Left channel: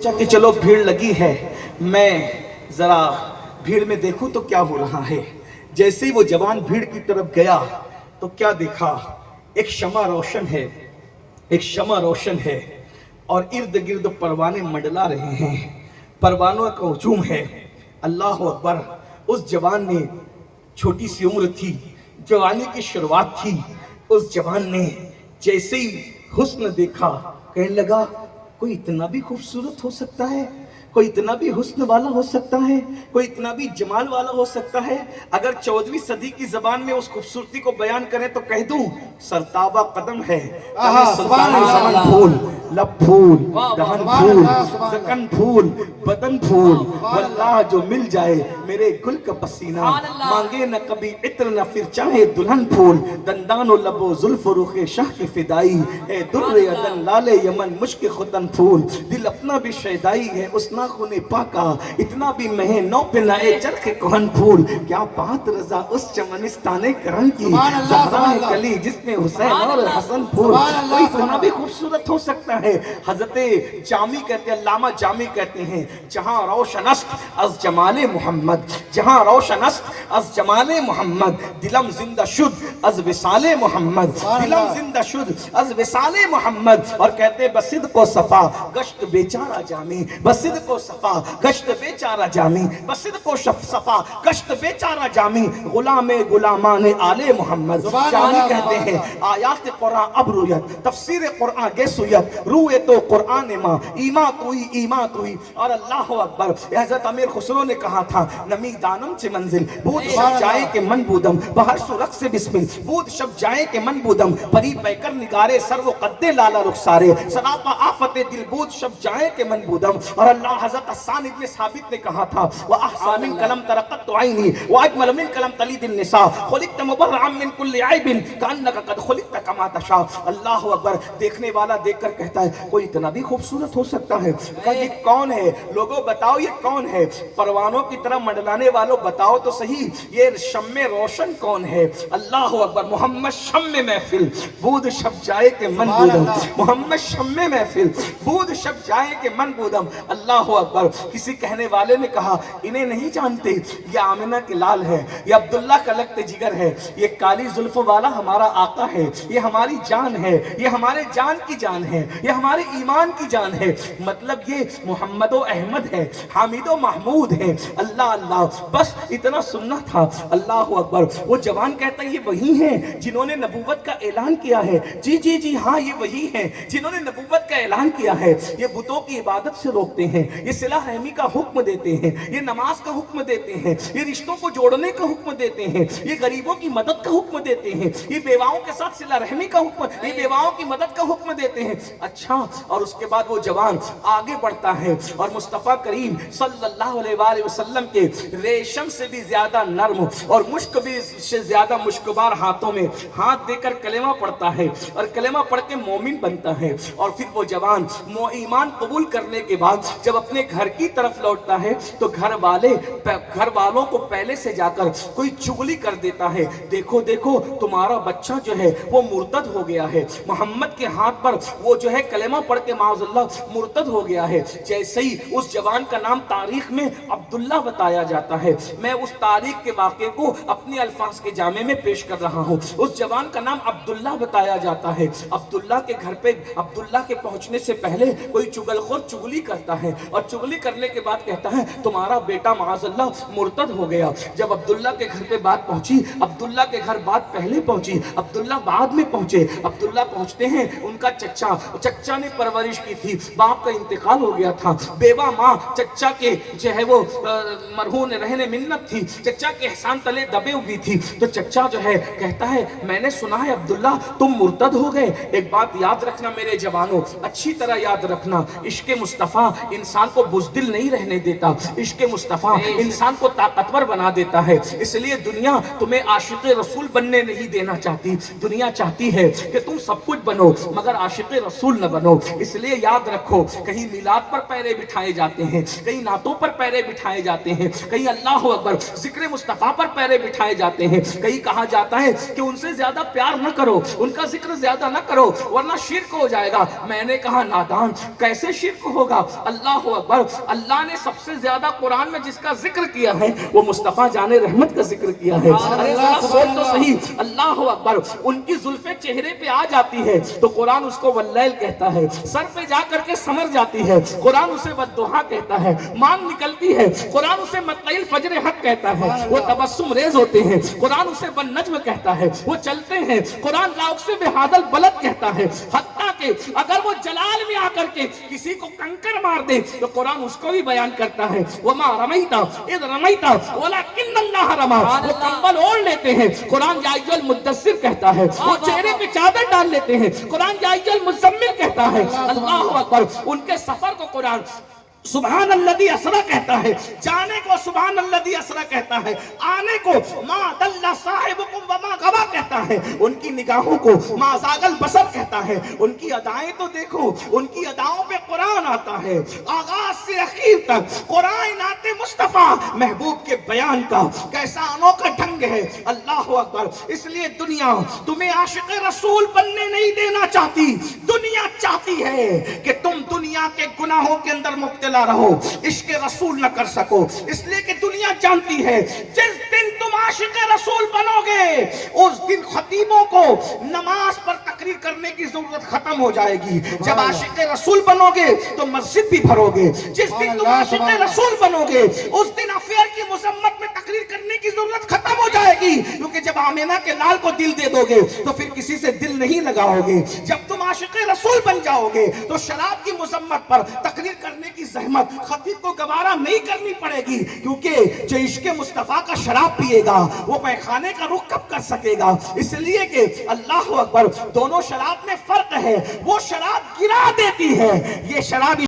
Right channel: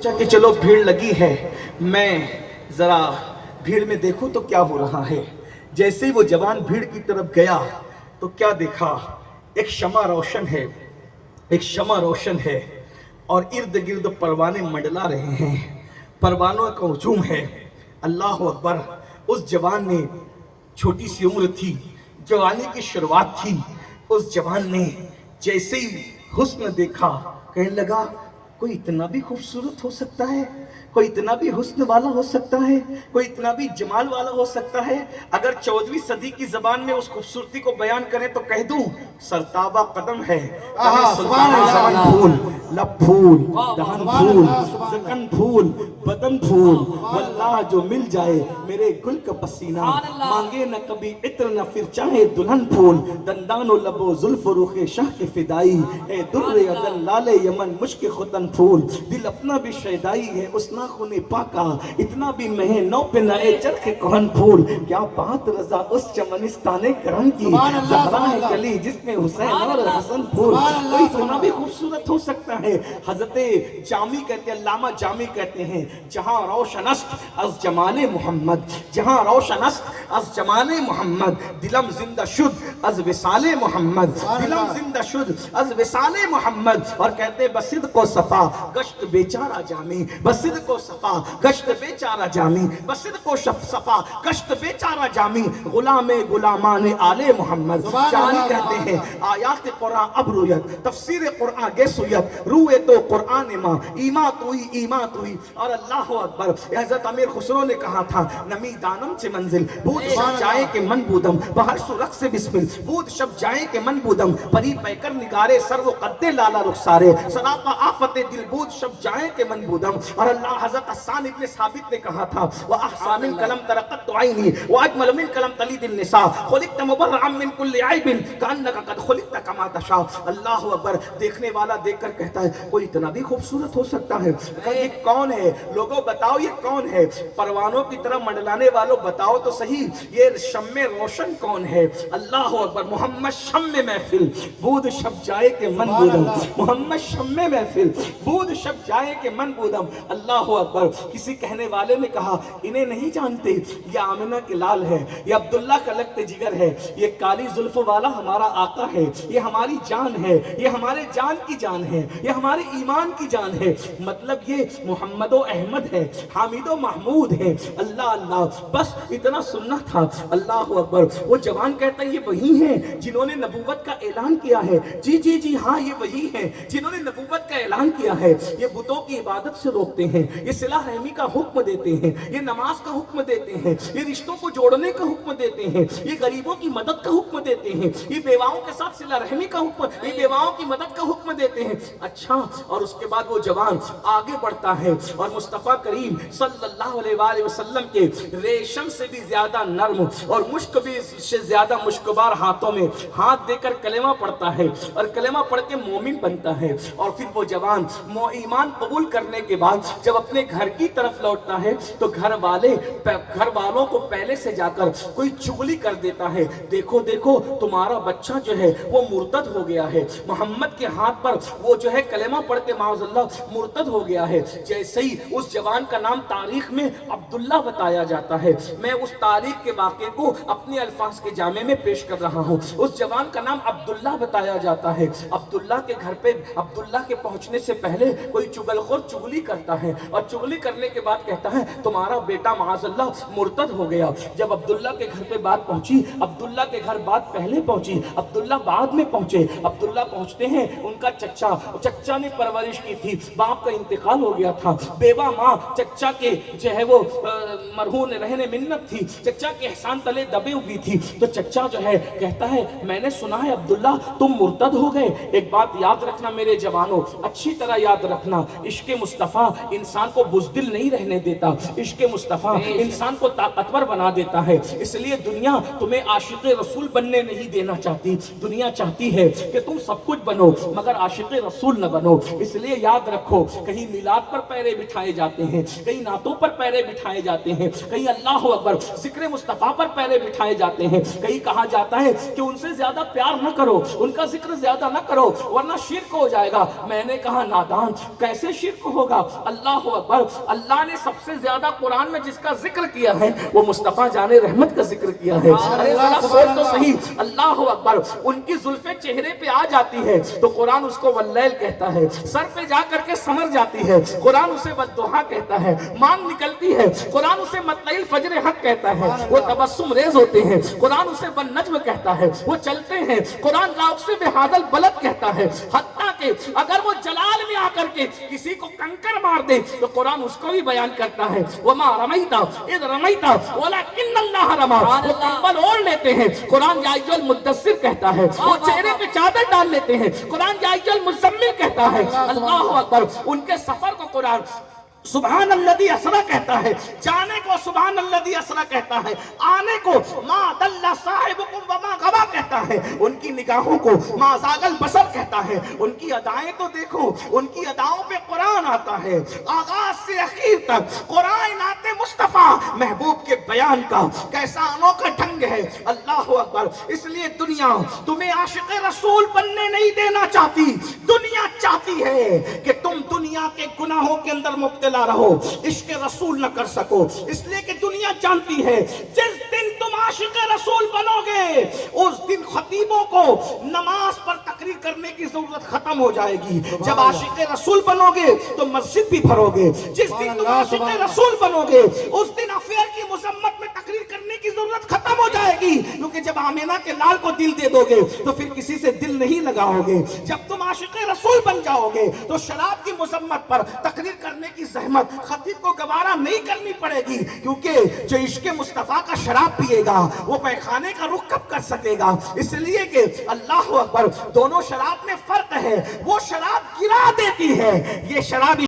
کہ چلو بھیڑ لگی ہے، میں ذرا بھیڑ میں دیکھوں تو کیا ہو رہا ہے۔ جیسے ہی وہ جوان بھیڑ کی طرف گیا تو کیا دیکھا، ایک شمع روشن ہے، ایک شمع روشن ہے اور ارد گرد پروانے منڈلا رہے ہیں، پروانوں کا ہجوم ہے۔ اللہ اکبر۔ اس جوان نے، چھوٹی سی عمر تھی، جوانی کی شروعات تھی، اس جوان نے جیسے ہی حسن دیکھا کہنے لگا کوئی اتنا بھی خوبصورت ہو سکتا ہے، کوئی اتنا بھی حسن والا ہو سکتا ہے، کوئی اتنا بھی جمال والا ہو سکتا ہے۔ اگر 14ویں صدی کی زبان میں اس خوبصورتی کو بیان کریں تو کہہ دوں سرتابہ قدم ہے، سلطان زمن پھول، لب پھول، دہن پھول، زکن پھول، بدن پھول، واللہ جو مل جائے میرے گل کا پسینہ، مانگے نہ کبھی عطر نہ پھر چاہے دلہن پھول، دندان و لب و زلف و رخ شاہ کے فدائی، اے در عدن لال یمن مشک ختن پھول، دل اپنا بھی شیدائی ہے اس ناخن پاکا، اتنا بھی مہ نو پہ نہ اے چرخ کہن پھول، کیا بات رضا اس چمنستان کرن کی، زہرا ہے کلی جس میں حسین اور حسن پھول، کوئی اتنا بھی خوبصورت ہو سکتا ہے۔ حضرت جامی کہتے ہیں، علامہ جامی کہتے ہیں، جہاں روشن است از جمال محمد، جہاں روشن است از جمال محمد، دلم زندہ شد از وصال محمد، دلم زندہ شد از وصال محمد۔ اور کہتے ہیں بصدق و صفا گشت بیچارہ جامی، بصدق و صفا گشت بیچارہ جامی، بصدق و صفا گشت بیچارہ جامی، غلام غلامان آل محمد۔ جامی کہتے ہیں آیات قرآن اب رویت، تفسیر قرآن گے سویت، روئے تو قرآن ماں ایمات ہوئی ایمات ہوئی۔ اور اللہ اکبر، حضرت امیر خسرو نے کہا تھا نمی دانم سے منزل بود شب جائے کہ من بودم، بہر سرخ سے بسمل بود شب جائے کہ من بودم، پری پیکر نگارے سر و قد لالا رخسارے، سراپا آفت دل بود شب جائے کہ من بودم۔ اور اللہ حضرت حسان ابن ثابت نے کہا تھا وَأَحْسَى مِن قلم ترقت عینی وَأَجْمَلَ مِن قلم تلید النساء خلقت مبرعا من کل عیب کأنک قد خلقت کما تشاء۔ اللہ اکبر۔ دیکھنے والا دیکھ کر کہتا ہے کوئی اتنا بھی خوبصورت ہو سکتا ہے، یہ کون ہے؟ لوگوں بتاؤ یہ کون ہے؟ پروانوں کی طرح منڈلانے والوں بتاؤ تو صحیح یہ شمع روشن کون ہے؟ اللہ اکبر۔ محمد شمع محفل بود شب جائے کہ من بودم، محمد شمع محفل بود شب جائے کہ من بودم۔ اللہ اکبر۔ کسی کہنے والے نے کہا انہیں نہیں جانتے، یہ آمنہ کے لال ہے، یہ عبداللہ کا لگت جگر ہے، یہ کالی زلف والا ہمارا آقا ہے، یہ ہماری جان ہے، یہ ہمارے جان کی جان ہے، یہ ہمارے ایمان کی جان ہے۔ مطلب یہ محمد و احمد ہے، حامد و محمود ہے۔ اللہ اللہ، بس اتنا سننا تھا۔ اللہ اکبر۔ وہ جوان کہتا ہے یہ وہی ہیں جنہوں نے نبوت کا اعلان کیا ہے۔ جی جی جی ہاں یہ وہی ہیں جنہوں نے نبوت کا اعلان کیا ہے۔ یہ بتوں کی عبادت سے روکتے ہیں، یہ صلح رحمی کا حکم دیتے ہیں، یہ نماز کا حکم دیتے ہیں، یہ رشتوں کو جوڑنے کا حکم دیتے ہیں، یہ غریبوں کی مدد کا حکم دیتے ہیں، یہ بیواؤں کے ساتھ صلح رحمی کا حکم، یہ بیواؤں کی مدد کا حکم دیتے ہیں۔ اچھا، اور اس کے بعد وہ جوان آگے بڑھتا ہے اور مصطفیٰ کریم صلی اللہ علیہ وآلہ وسلم کے ریشم سے بھی زیادہ نرم اور مشک بھی سے زیادہ مشکبار ہاتھوں میں ہاتھ دے کر کلمہ پڑھتا ہے اور کلمہ پڑھ کے مومن بنتا ہے۔ اور پھر وہ جوان ایمان قبول کرنے کے بعد جب اپنے گھر کی طرف لوٹتا ہے تو گھر والوں کو پہلے سے جا کر کوئی چغلی کر دیتا ہے، دیکھو دیکھو تمہارا بچہ جو ہے وہ مرتد ہو گیا ہے، محمد کے ہاتھ پر وہ جو ہے کلمہ پڑھ کے معاذ اللہ مرتد ہو گیا ہے۔ جیسے ہی اس جوان کا نام تاریخ میں عبداللہ بتایا جاتا ہے، میں اس تاریخ کے واقعے کو اپنے الفاظ کے جامع میں پیش کر رہا ہوں۔ اس جوان کا نام عبداللہ بتایا جاتا ہے۔ عبداللہ کے گھر پہ عبداللہ کے پہنچنے سے پہلے کوئی چگل خور چگلی کرتا ہے اور چگلی کرنے کے بعد کہتا ہے تمہارا بیٹا معاذ اللہ مرتد ہو گیا۔ جب عبداللہ کے گھر پہ بات پہنچی، عبداللہ کے گھر بات پہلے پہنچی، عبداللہ بعد میں پہنچے۔ عبداللہ پہنچتے ہیں، ان کا چچا نے پرورش کی تھی، باپ کا انتقال ہو گیا تھا، بیوہ ماں چچا کے جو ہے وہ مرہون رہنے منت تھی، چچا کے احسان تلے دبے ہوئی تھی۔ تو چچا جو ہے کہتا ہے میں نے سنا ہے عبداللہ تم مرتد ہو گئے۔ ایک بات یاد رکھنا میرے جوانوں، اچھی طرح یاد رکھنا، عشق مصطفیٰ انسان کو بزدل نہیں رہنے دیتا، عشق مصطفیٰ انسان کو طاقتور بنا دیتا ہے۔ اس لیے دنیا تمہیں عاشق رسول بننے نہیں دینا چاہتی، دنیا چاہتی ہے کہ تم سب کچھ بنو مگر عاشق رسول نہ بنو. اس لیے یاد رکھو کہیں میلاد پر پیرے بٹھائے جاتے ہیں, کہیں نعتوں پر پیرے بٹھائے جاتے ہیں, کہیں اللہ اکبر ذکر مصطفیٰ پر پیرے بٹھائے جاتے ہیں, کہیں کہا جاتا ہے کہ ان سے زیادہ پیار نہ کرو, ان کا ذکر زیادہ نہ کرو ورنہ شرک ہو جائے گا. میں نے کہا نادان کیسے شرک ہوگا؟ اللہ اکبر, اللہ نے سب سے زیادہ قرآن میں جس کا ذکر کیا ہے وہ مصطفیٰ جان رحمت کا ذکر کیا ہے. ارے ذرا سوچ تو صحیح, اللہ اکبر, ان کی زلفیں چہرے پہ آ جاتی ہے تو قرآن اس کو واللیل کہتا ہے, سر پہ جا کر کے سمر جاتی ہے قرآن اسے والضحیٰ کہتا ہے, مانگ نکلتی ہے قرآن اسے مطلع الفجر حق کہتا ہے, وہ تبسم ریز ہوتے ہیں قرآن اسے والنجم کہتا ہے, وہ چلتے ہیں قرآن لا اقسم بہذا البلد کہتا ہے. حتیٰ کہ اگر وہ جلال میں آ کر کے کسی کو کنکر مار دے تو قرآن اس کو بھی بیان کرتا ہے, وما رمیتا اذ رمیتا ولکن اللہ رمی. وہ کمبل اوڑھ لیتے ہیں قرآن یا ایھا المدثر کہتا ہے, وہ چہرے پہ چادر ڈال لیتے ہیں قرآن یا ایھا المزمل کہتا ہے. اللہ اکبر, ان کے سفر کو قرآن سبحان الذی اسری کہتا ہے, جانے کو سبحان الذی اسری کہتا ہے, آنے کو ما ضل صاحبکم وما غوی کہتا ہے, ان کی نگاہوں کو ما زاغ البصر کہتا ہے. ان کی ادائیں تو دیکھو, ان کی اداؤں پہ قرآن آتا ہے, آغاز سے اخیر تک قرآن نعت مصطفیٰ محبوب کے بیان کا کیسا انوکھا ڈھنگ ہے. اللہ اکبر, اس لیے دنیا تمہیں عاشق رسول بننے نہیں دینا چاہتی, دنیا چاہتی ہے کہ تم دنیا کے گناہوں کے اندر مبتلا رہو, عشق رسول نہ کر سکو. اس لیے کہ دنیا جانتی ہے جس دن تم عاشق رسول بنو گے اس دن خطیبوں کو نماز پر تقریر کرنے کی ضرورت ختم ہو جائے گی. جب عاشق رسول بنو گے تو مسجد بھی بھرو گے. جس دن تم عاشق رسول بنو گے اس دن افیئر کی مذمت میں تقریر کرنے کی ضرورت ختم ہو جائے گی, کیونکہ جب آمینہ کے لال کو دل دے دو گے تو پھر کسی سے دل نہیں لگاؤ گے. جب تم عاشق رسول بن جاؤ گے تو شراب کی مذمت پر تقریر کرنے کی زحمت خطیب کو گوارا نہیں کرنی پڑے گی, کیونکہ جو عشق مصطفیٰ کا شراب پیے گا وہ پیخانے کا رخ کب کر سکے گا. اس لیے کہ اللہ اکبر, دونوں شراب میں فرق ہے, وہ شراب گرا دیتی ہے, یہ شراب